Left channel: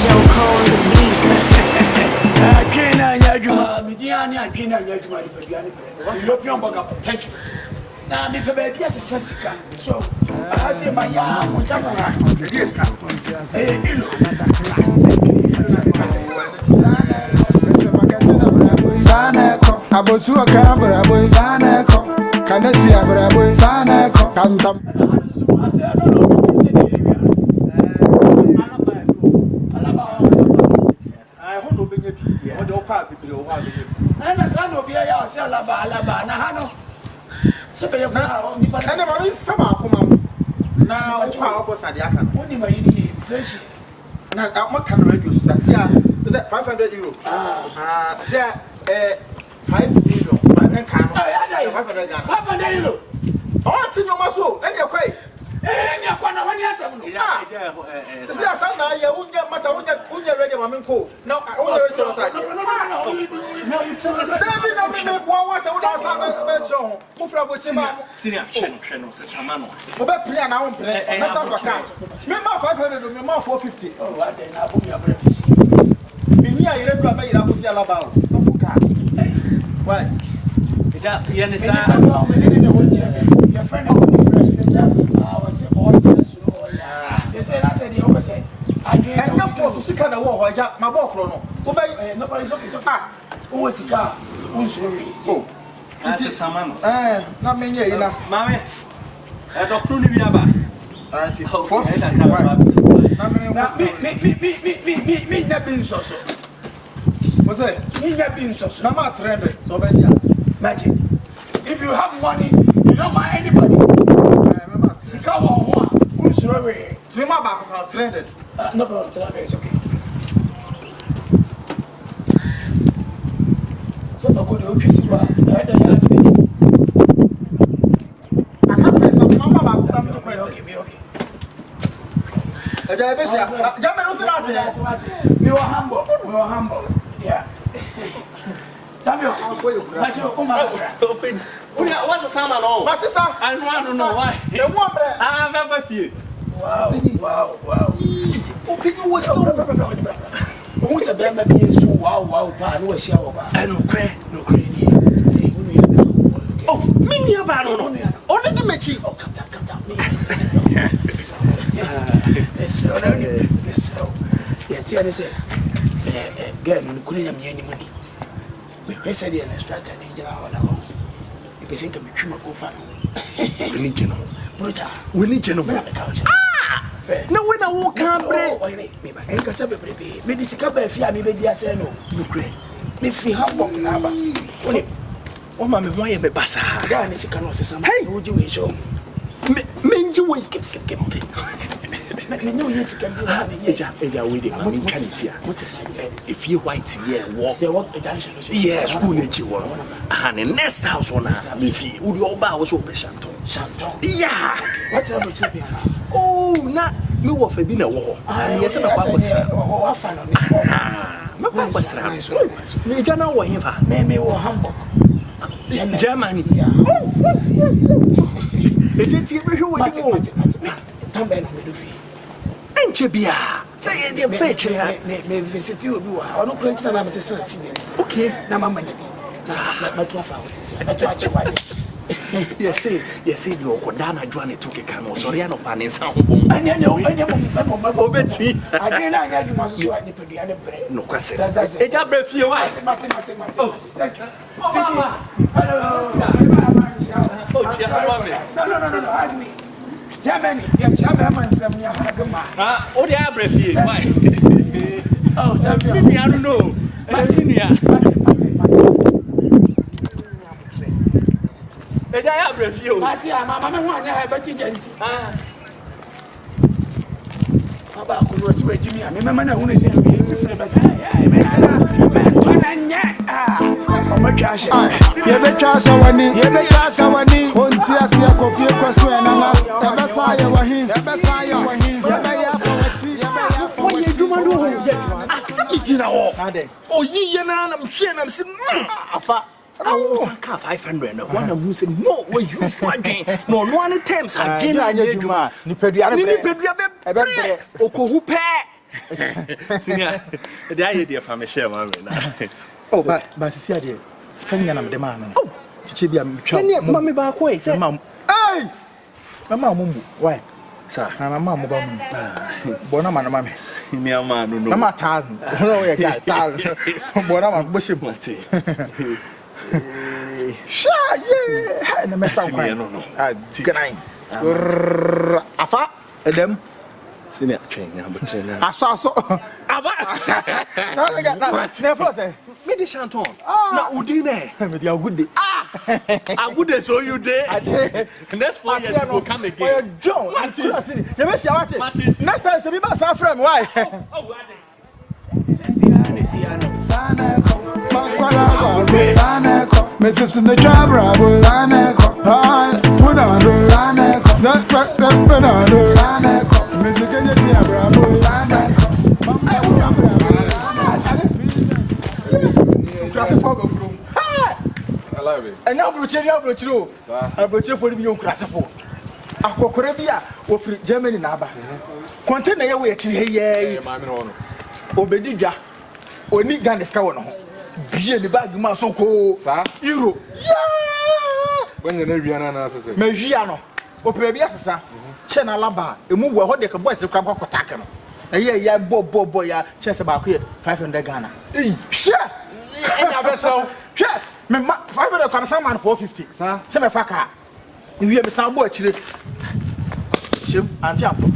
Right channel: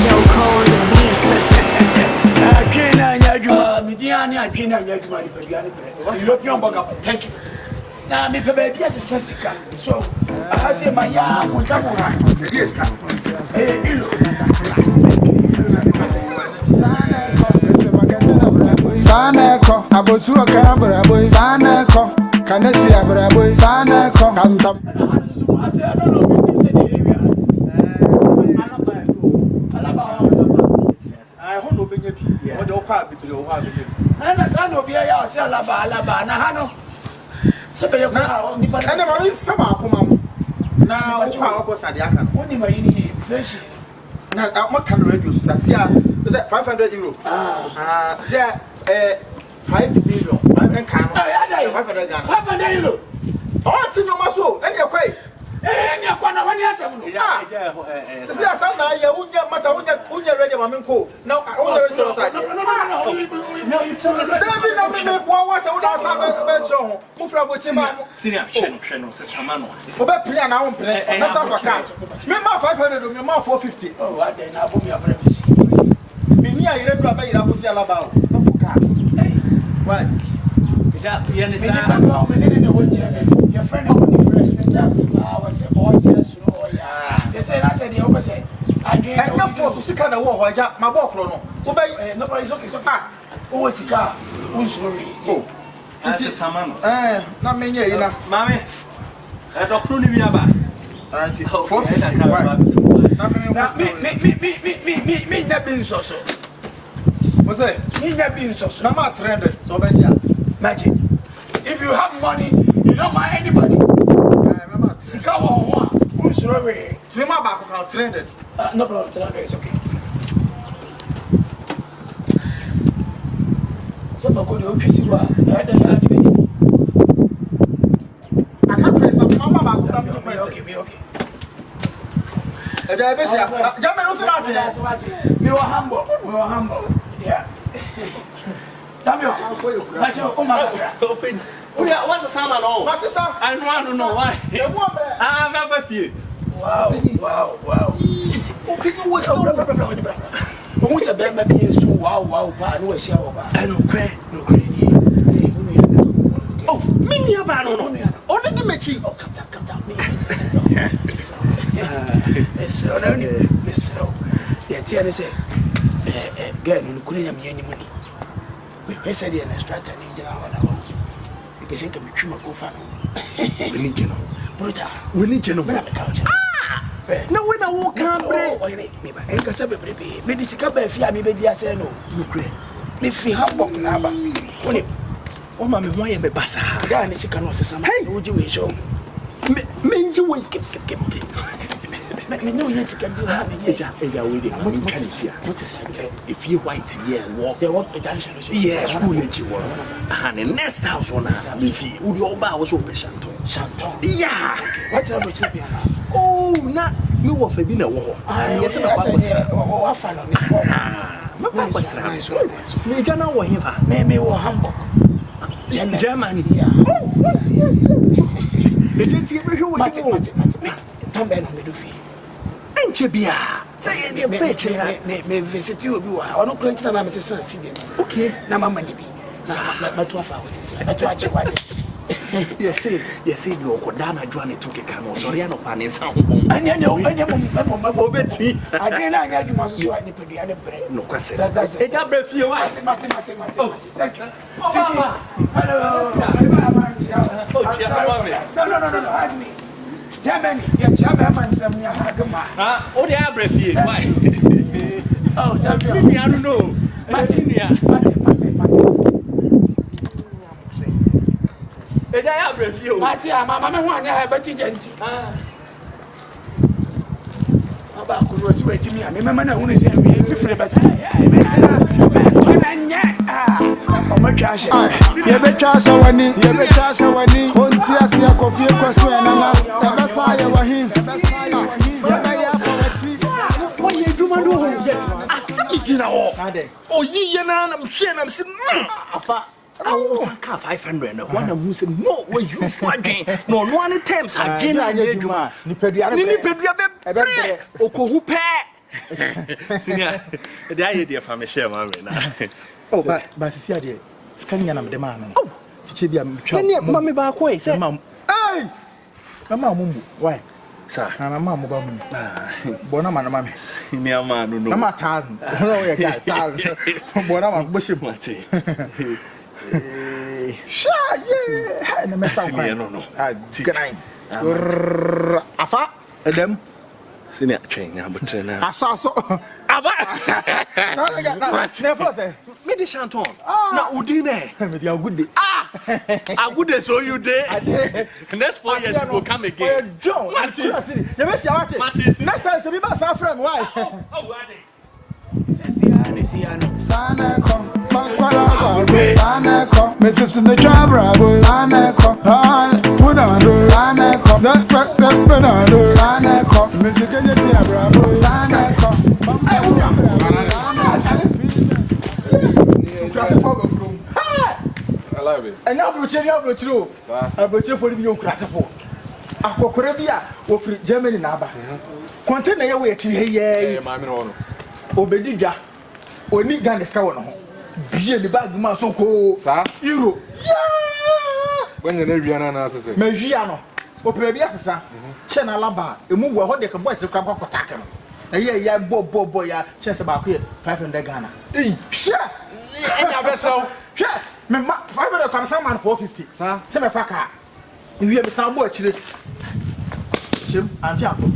Joe Cole on the beat. I can't Mediani, I can't get my European Borga. Thank you. Now, me baby, yes, it's Sessica. So, I say my young one. Yes, Saneko, Abosua Cabra, boy, Saneko, Canesi Abra, boy, Saneko, Cantam. I don't know if you said the area has it. I hope no big what the car people have been. And a son of your say Alaba, Nahano. Sabay, and the money summer come on. Now, I was at the Akan, only my inflation. Now, what can reduce? Sasia, is that 500 euro? There, 5 million. I can't 500 euro. Oh, it's in your muscle, then you're quite. Eh, you're quite a 1 year. Yeah, some now you get Massa, ready, Maminko. No, I only restaurant. No, you tell us. What was I Mufra with him? Senior, Samano. About plan, I won't play. That's our account. Remember 500, remember 450. Oh, I didn't have me a breakfast. Me, I read what made up with Alabama. Not for car. Why? You understand? Your friend is fresh. I was all yes, they said, I said the opposite. I didn't know for to see kind of war. My walk, nobody's okay. Who is the car? Who's worried? Oh, that's a salmon. Not many enough. Mammy, I don't know me about. 450. Me, that being so. What's that? Me, that being so. No matter 300. So bad, magic. If you have money, you don't mind anybody. Sikawa one. Who's worried? Swim back about 300. No problem, 300 is okay. Some could you see what I can't press my mama back. Okay. We were humble. Yeah. Samuel, what's a salmon? My sister, I want to know why. I never feel. Wow. Open was who's a Berma Bediide so wow, pa, no shower. I no cray. Oh, me, no. Only the Mechi. Oh, come down. It's only Miss. Yet, I say, girl, no couldn't have any money. We said the extract and in general. You can think of me, Chimako Religion. Religion on the couch. No, when I walk out, maybe I can say, baby, Medica, if you have me, I say no. Me feel how walk number. Oh, mamma, why am I bassa? I need to come on some. Hey, would you show me? You wake okay. Let me know you can do if you white, yeah, walk, yeah, school let you walk. And the next house on if you would your bow so patient. Yeah, what's up with you? Oh, not me wolf a dinner war. Yes, my papa was me, Jana, or him, maybe or Hamburg. Germany. It didn't give you what you want. Tamben on the Duffy. Ain't you be say your fetch may visit you. I don't going to the city. Okay, now my money be. But 12 hours. I watch you what. Yes, say you go down. I join it to Kano. Sorry, I know Pan sound. And you know, Betty. I can't you must do it. No question. That's it. I breath you. Oh, thank you. Hello. No. Hide me. Germany, your chairman, some Yahagama. Oh, the Abbreviate. Why? Oh, champion, I don't know. And I have review. Mamma, one I have a tigent. About could was where Jimmy, I remember who is here. Man, oh, my cash. You better so when you on Tia Coffee, Tabasaya, Wahim. What you do, I see it now. Oh, ye, and I'm saying, I'm saying, I want to 500. One of them said, no, where you swagging. No, one attempts. I didn't. You Okohupe. Senior, the idea for me share my man. Oh, but see, dear, scanning an the man. Oh, Chibia, Mammy back way, say, Mum. Hey! Mamma, why? Sir, I'm a mamma, Bonama, mammy. Near man, no, I'm a thousand. Oh, yeah, thousand. Bonama, Bushim, sure, yeah, and the mess of no. Good night. Afa, them. Senior train, but I saw so. Never say. Me the chanton. Na udine. Me the good day. I would so you there. Next 4 years you will come again. John, you be sure what? Next time say be back San Fran, why? Oh, Sana come, Makwala go. Sana come, Mrs. in the Trabra, Sana come. Hi, Punado, Sana come. That Punado, Sana come. Mrs. Kajatia Bravo, Sana come. I love it. And now, Bruchero, I butcher for you, Crassifo. A Cocorabia, or free Germany Naba. Contain away at here, Mamma. Obedija, or Nigan is going. Be the bag Masoko, Euro. When the Naviana says, Mejiano, Opebiasa, Chena Laba, a move where they can voice the crab of Takano. A year, boy, chance about here, 500 Ghana. Sure, so, sure, 500 comes someone 450, sir. Semi Faka. You have some boy, Shim, Antiapo.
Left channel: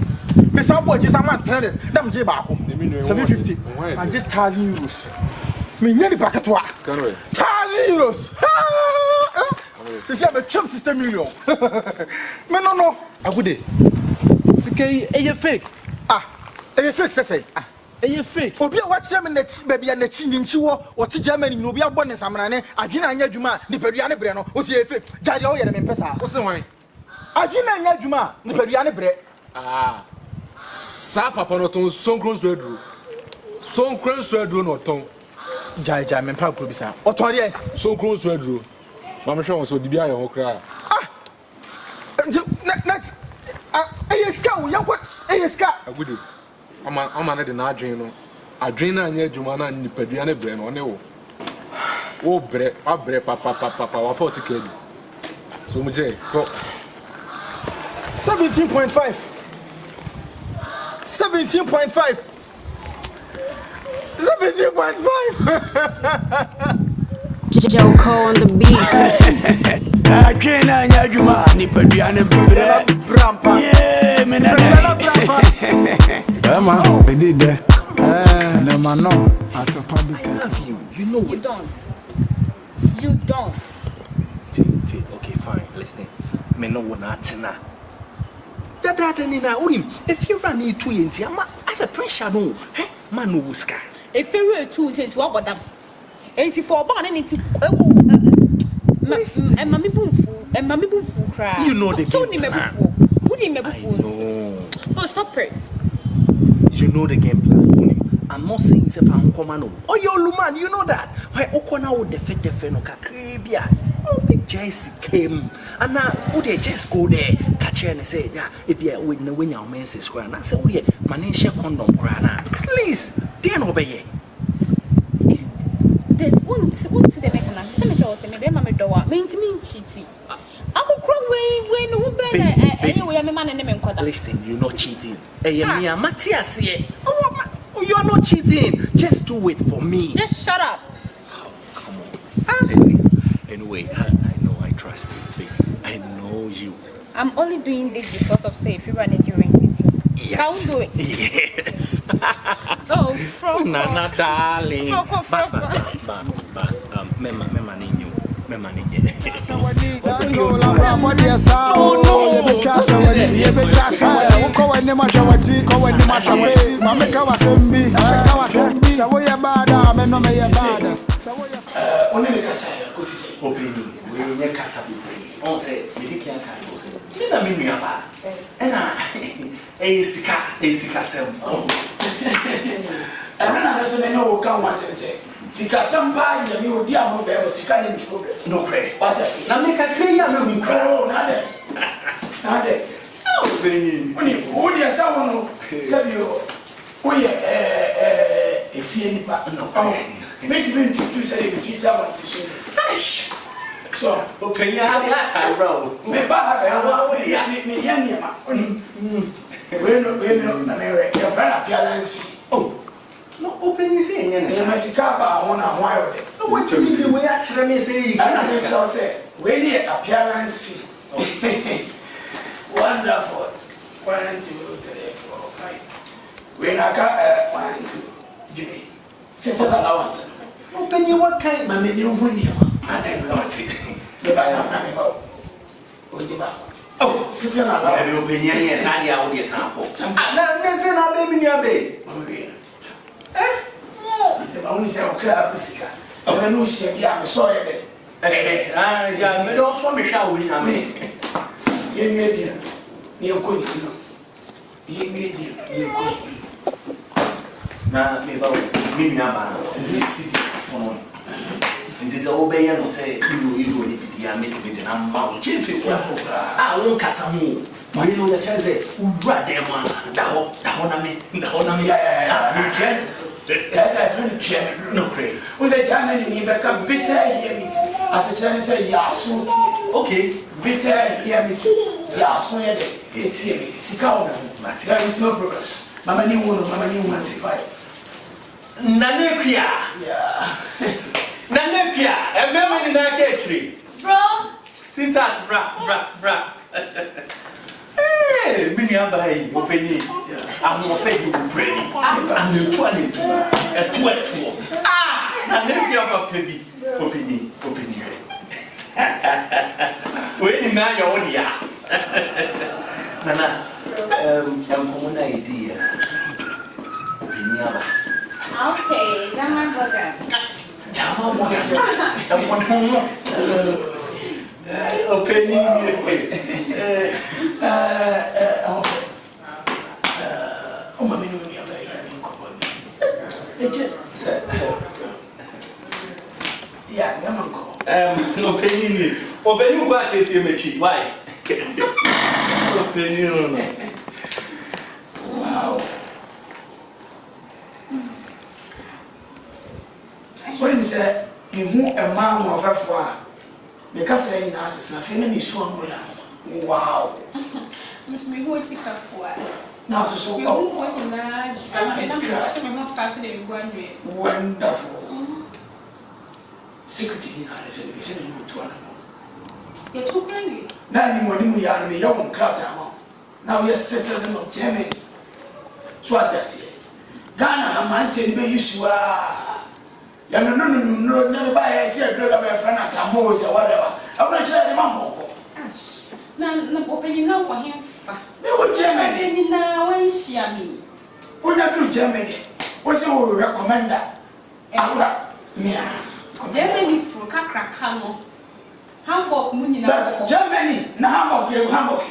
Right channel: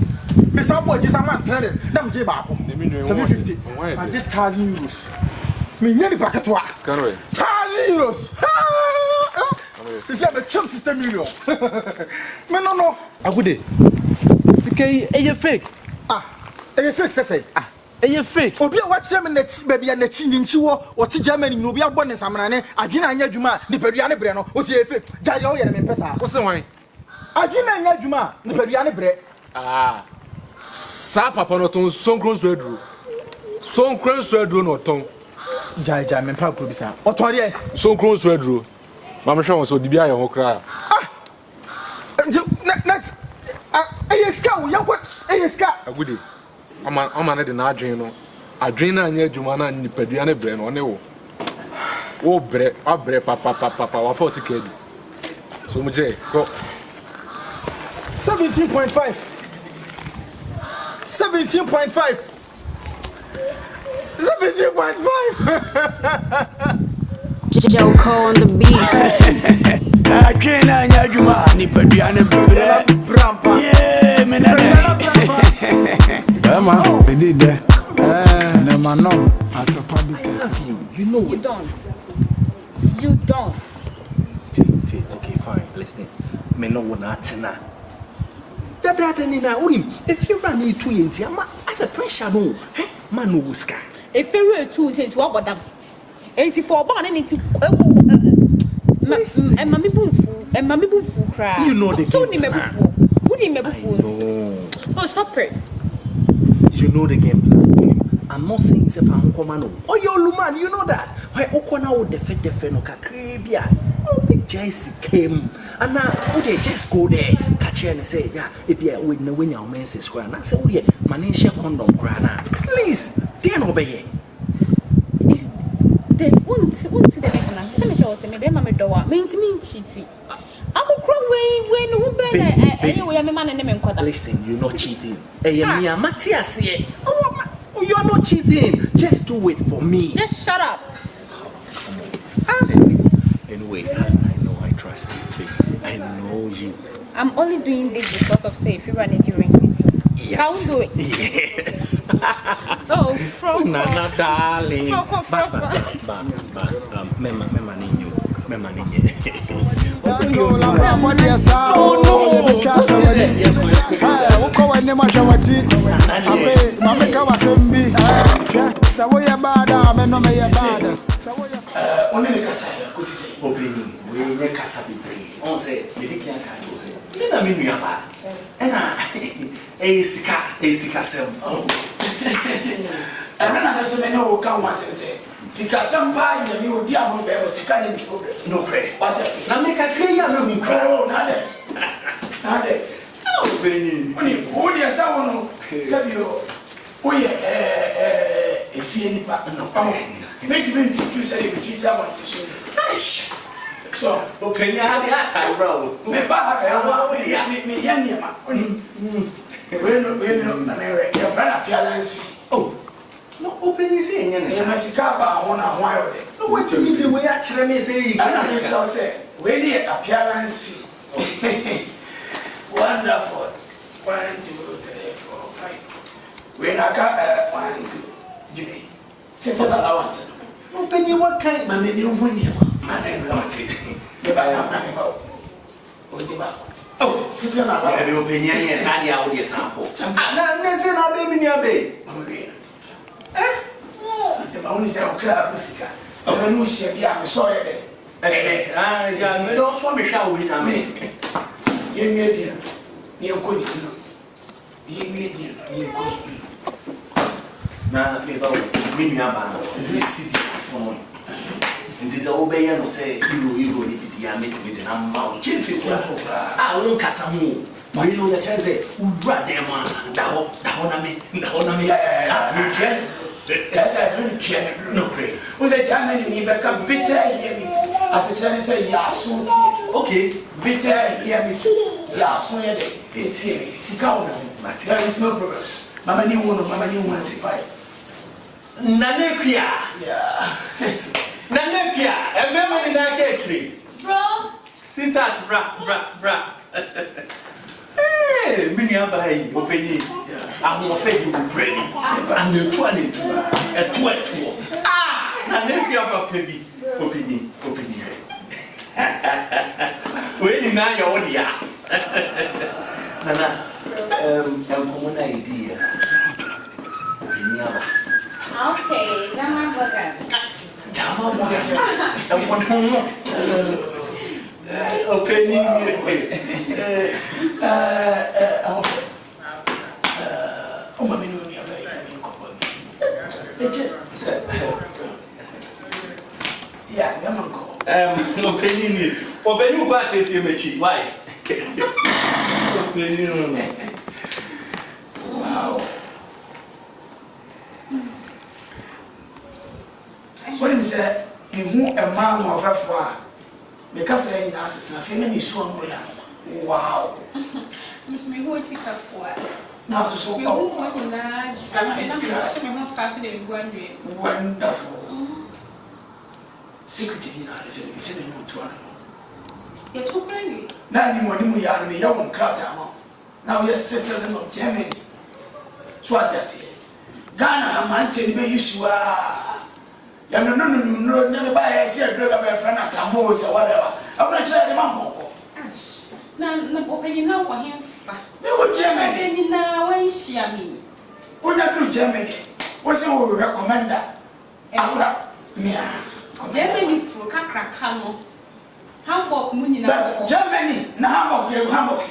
Miss Upward is a man trended, Nam Jibako, 750, and just €1,000. Me nearly back at work. €1,000. This is a chum system million. Men no, I would it. It's okay, a fake. A fake, say. A fake. Or be a watch them in the baby and the chin in Chiwo, or to Germany, you'll be a bonus. I'm an Agina Juma, the Periana Breno, what's the fake? Jadio and Pesa. What's the wine? Agina Juma, the Periana Bre. Sa papa no ton son cross redro. Son cross redro no ton. Jaja men pa ko bisa. Otori son cross redro. Mama sha won so di bia ye ho kra. Next. Eyeska wo yanko eyeska. Agudi. Ama na de na adwen no. Adwen na anya adwuma na nipadua na bre no ne wo. Wo bre, abre papa wa for sikedi. So mu je go 17.5. 17.5. 17.5. Joko on the beat. I train on Yajuma, Nipadiana Brampa. Yeah, Berma Bediide. No man, no. At a public. You know You don't. You don't. Okay, fine. Listen. Me no one atina. That nina urim. If you run into yenti, ama as a pressure no. Man no wuska. If you were too into what about them? 84 born into and mammy boofu cry. You know the game. Who didn't make fool? Oh, stop it. You know the game plan. I'm not saying it's a fan commando. Oh, you man, you know that. Why Okona would defect the Fenoka Caribbean? Oh, the Jesse came. And now, would they just go there, catch her and say, yeah, if you're with no win your men's square. And I say, oh, yeah, Manisha condom grana. At least, they're not obey. Is the one to the make man? Let me show you, maybe Mamma Doa means me cheating. I will cry when anyway, I'm a man and name. Listen, you're not cheating. Hey, Mia Matthias here. Oh, you're not cheating. Just do it for me. Just shut up. Oh, come on. Anyway, I know I trust you, baby. I know you. I'm only doing this because of say if you run it during it. Yes. Can we do it? Yes. Oh, from Nana, darling. But Esika sem. Emana so me no ka wa sense. Sika sem ba nya mi odi am be o sika nya mi problem. No pray. What else? Na me ka kre ya no mi kra. Oh, na de. Na de. Oh, beni. Oni odi asa wono. Sabio. Oh yeah, if you any part no. Make me to say if you want to soon. So, open your hand, bro. Me bahas me yanima. We no your friend appearance fee. Oh, no open you say any. Se masika ba won ahwan de. No what to be we actually me say you. I know say we the appearance fee. Wonderful. 1, 2, 3, 4, 5. We na ka 1, 2. Jimmy. Settle allowance. Open you what kind? My menu money. Mate. Me ba na ka me ba. Ojiba. Oh, settle allowance. Me open yes, I dey out dey sample. Na say na baby ni abe. Se ba oni se o kra pisika. O na no hia bia me so ye de. Ja, me do so me hwa we na me. Ye mi dia. Ni enko ni no. Ye mi dia, ni enko ni. Na me ba me nua ba. Se si di fon. Nti se obeye no se iro ni bidi ya metime de na ma o chefi kwa. Ah, won kasa mu. We no ya chance ura dem da ho na me. Ah, me try. Yes, I feel try. No pray. We the Germany ni be ka bitter here meet. As a Chinese say ya suit. Okay, Bitter here meet. Ya so ye de. Etie me. Sika o na. There is no problem. Mama ni won take buy. Na ne kwia. Yeah. Na ne kwia. E me me ni na ka chiri. Bro. Sweetheart, bra. Eh, me ni aba yi, openyi. Ahun ofe bi bu brani. Anetu. Etu. Ah, na ne kwia papa bi. Openyi. We ni na yo wo dia. Nana, komo na idea. Openyi aba. Okay, Berma Borga. Jama mo ya. Openyi. Mama ni oni aba ya ni ko ba. Yeah, ngama ko. Openyi kwa sesi mechi. Why? Openyi no. Wow. What him say, me hu a man of afwa. Me ka say ni asesa fe na me so ambulance. Wow. Me who take a for. Now so Me who want to na, na me so me want Saturday go anwe. Wonderful. Security na say me say no to anamo. You too brave. Na ni mo ni mu ya me ya won krata mo. Now we are citizen of Germany. So what I say. Ghana amante ni be yusua. Ya no never buy a share drug of a friend at Tambo or whatever. I'm not sure the mamma. Na open you know for him. They were Germany now when she me. When you do Germany, what's your recommender? Yeah. Germany pro crackamo. Hamburg Munina. Germany, na Hamburg.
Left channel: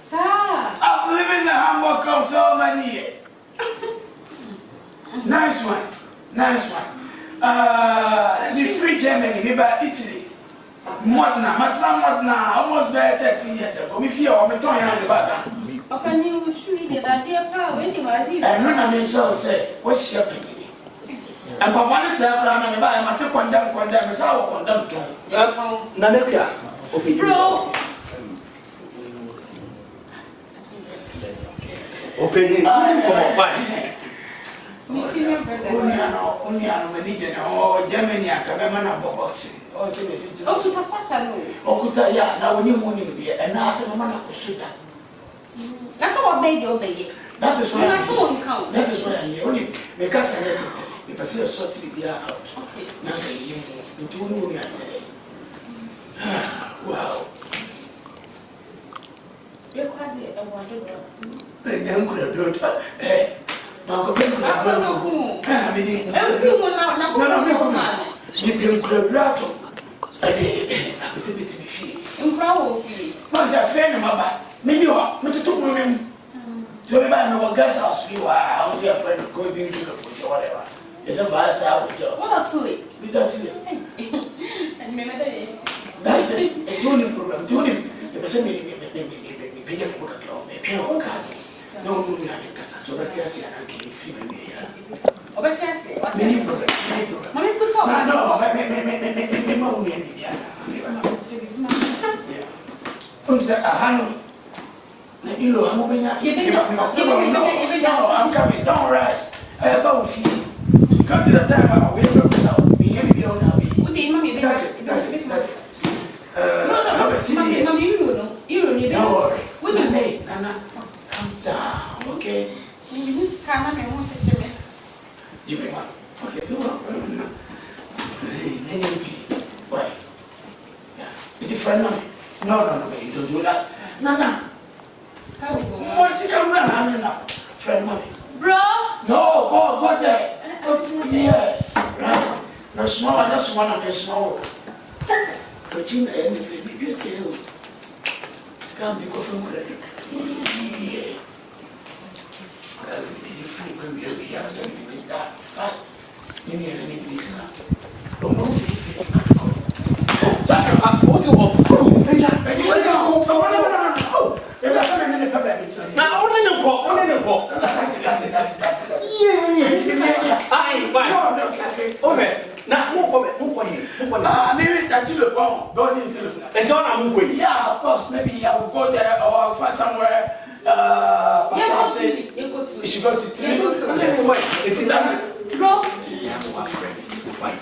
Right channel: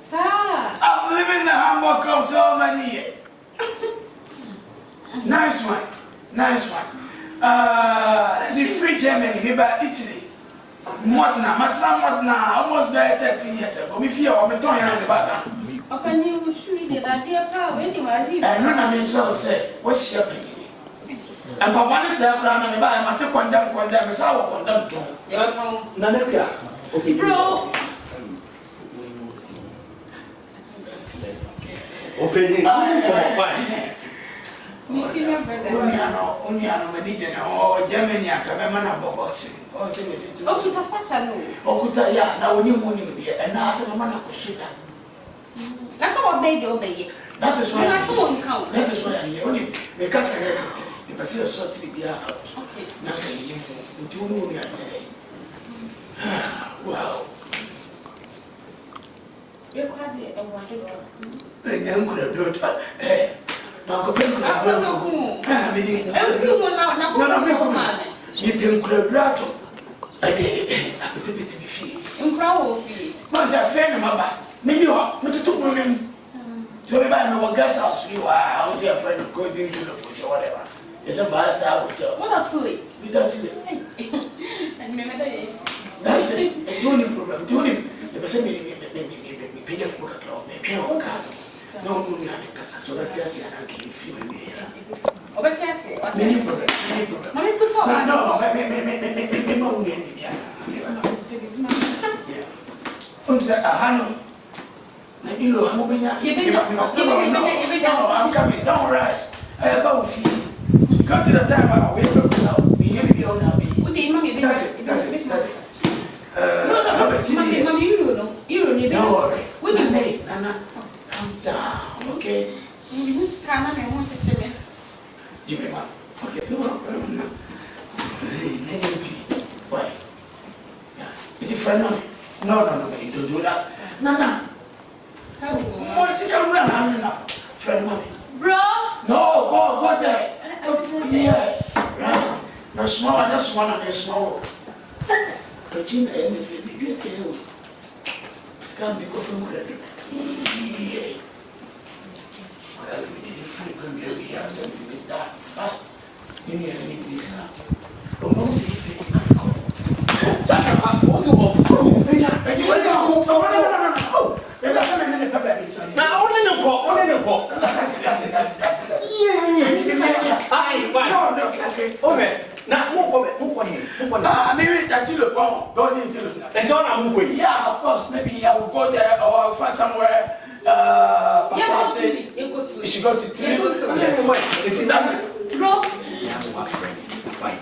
Sir, I've lived in the Hamburg for so many years. Nice one. The free Germany, maybe Italy. Modena, almost there 13 years ago. Me fear or me turn hands back. open you should get that dear power anyway. And none of me shall say, what's your opinion? And Papa is around and buy my to condemn, as I will condemn to. Na ne kwia. Okay. Bro. Openyi. Come on. Missing your brother. Oniano, manager, or Germany, I can remember boxing. Oh, super fashion. Okuta, yeah, now when you morning beer, and now some man of sugar. That's what baby obey. That is why I won't count. that is why I'm only because I let it. If I see a sort of beer out, Okay. now you do know. Wow. You're quite a wonder. And then could have brought, Uncle Ben could have brought. I mean, no, she didn't could have brought a day, a bit to be free. In crowd fee. Once I friend of my maybe what to took me to everybody know what gas house you are. I was your friend according to the pussy or whatever. It's a vast hotel. What are two? Without it. And remember this. That's it. A tuning problem. Tuning. The person may be paying for a club, may pay on card. No, so that's yes, I can feel me here. Oh, but yes, Many problem. Mommy put on. No, I'm coming. Don't rush. Go to the time. We have to be here. That's it. Have a seat. You don't need. Don't worry. Nana, calm down, okay? Jimmy, okay, no. Why? Yeah, it's a friend of me. No, you don't do that. Nana. What's it coming around? Friend of me. Bro? No, go there. Yeah, right. No small, that's one of the small. But you know, anything, maybe a tail. It's going to be coffee with it. Yeah. Well, we need a free when we have something with that fast. You need any place now. Don't know if it's not called. Oh, Jack, what's your off? Oh, hey, Jack, no. Oh, there's something in the paper. Now, only no call. That's it. Yeah. Aye, bye. No, okay. Okay. Now, move on here. Maybe that you look wrong. Go into the. And so I'm moving. Yeah, of course. Maybe I will go there or I'll find somewhere. You should go to Yes, wait. It's enough. Bro? Yeah, my friend. Why?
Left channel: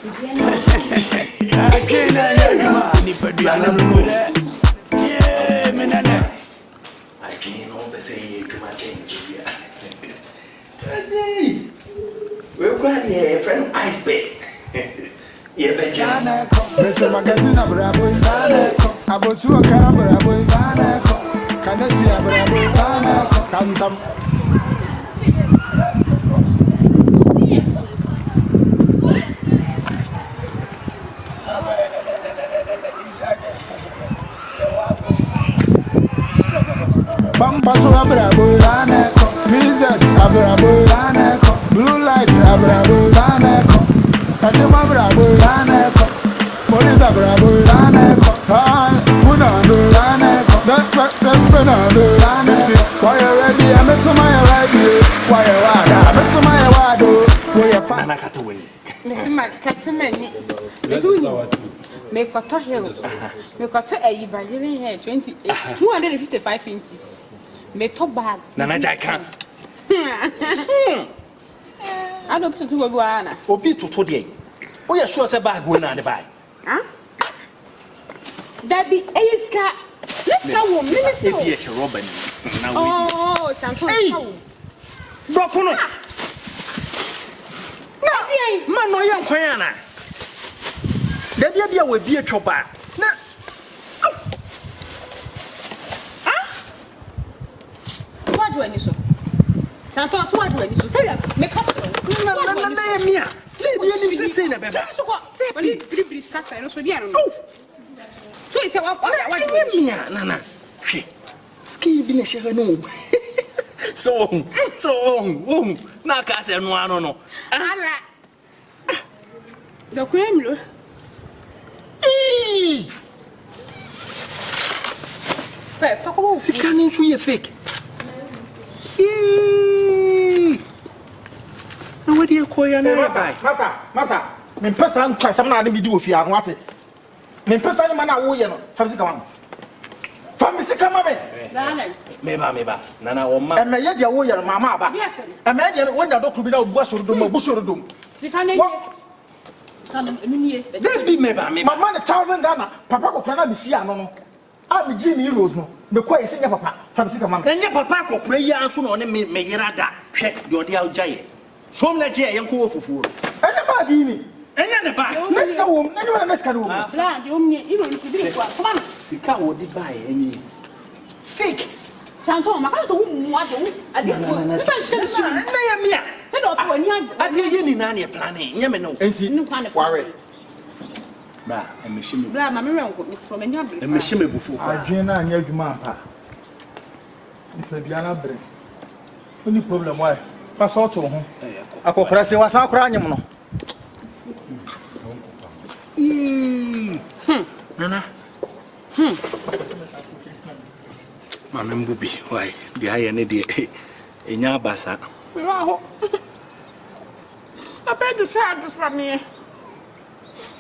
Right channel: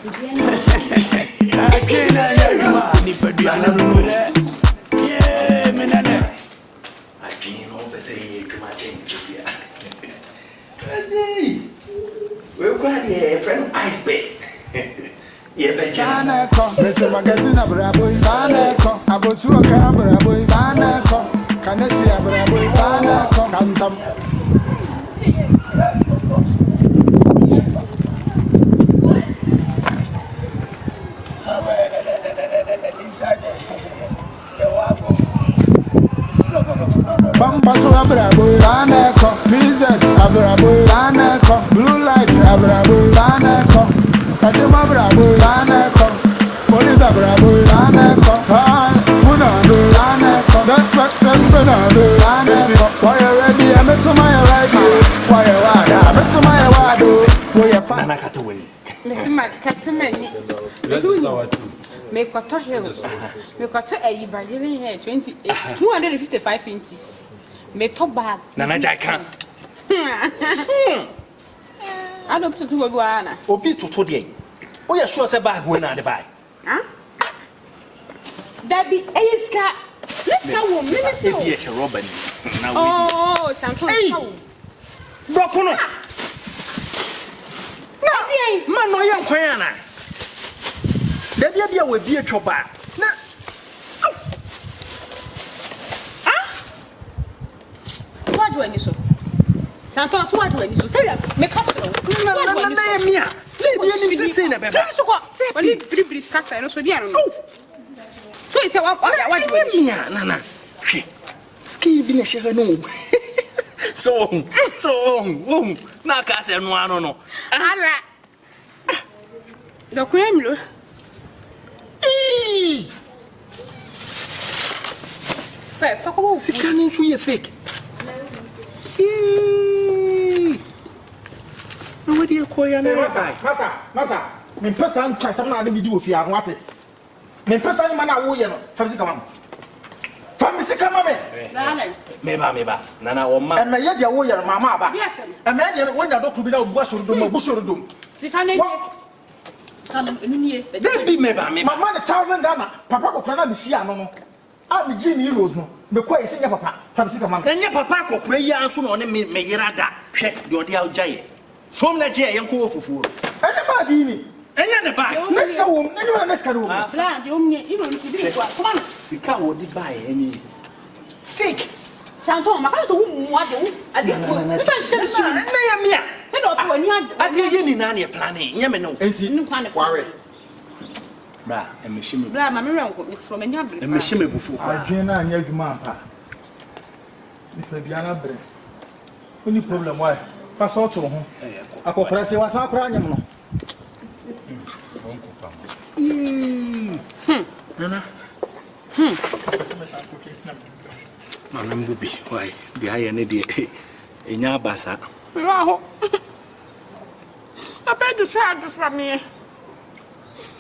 I can't yeah, man. I can't always say too much. We're glad you're a friend of Ice Bay. Yeah, but There's a magazine of Rabois, Abosu, a camera, boys, can I see a Rabois, Cantam? Pampaso abrabo, Saneco, Pizet abrabo, Saneco, Blue Light abrabo, Saneco, Adema brabo, Saneco, Police abrabo, Saneco, Punado, Saneco, that Penado, Saneco. Why you ready? I miss my ready. Why you are? I miss my wado. Why you fast? Miss my Catamani. Make a hill. Make a Brazilian hair 255 inches. Make top bag. Nana Jacka. I don't put to a guana. Or be to today. Oh, you're sure it's a bag when I buy. Huh? That be a scar. Let's go, Minister. If yes, a Robin. Oh, Santo. Broken. No, man, no young Quiana. There will be a chopper. What do I need so? Santos, what do I need to say? Make up. No, say the enemy say the better. So what? Pretty scarce, I know so dear. So it's a what Nana. Ski be a share no. So, now cast and one no. The cream. Fair, fuck all. She can't into your fake. Where do you call your name? Massa, me person try some na me do if you are what it. Me person man a wo ye no, famisi kama. Famisi kama me. Meba. Nana o ma. E me ye dia wo ye mama aba. E me dia when ya doku bi na obu asoro dom. They be meba. Mama na 1,000 Ghana, papa ko kra na me hia no. A me gi ni euros no. Me kwa ese nya papa, famisi kama. Nya papa ko kra yi anso na one me yera da. Hwe de ode agyaye. So me na je yenko ofufuo. Enya ba di ni. Enya ne ba. Neska wo, enya na neska wo. Bla, de omnie, iro ni kibiri kwa. Come on. Sika wo di ba eni. Fake. Santo, maka to wu ade wu. Ade ko. Me ban shemshi. Na ya mia. Say do to ani ade. Ade ye ni na ne plan e. Nya me no. Enti. Ware. Bra, e me shime. Bla, ma me renko, me so me nya bre. E me shime bufu. Adwen na anya adwuma ampa. Ifa bia na bre. Oni problem why? Fa so to ho. Akokora se wa san kora anyem no. Nana. Mama mbubi, why? The higher ne de Enya basa. Wow. I bet you try to from me.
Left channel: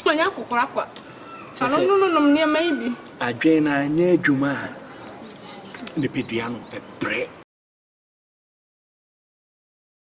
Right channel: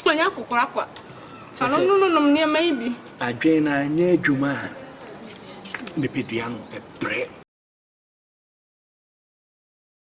When you cook up. I don't know, maybe. Adwena nye adwuma. Ne peduano e bre.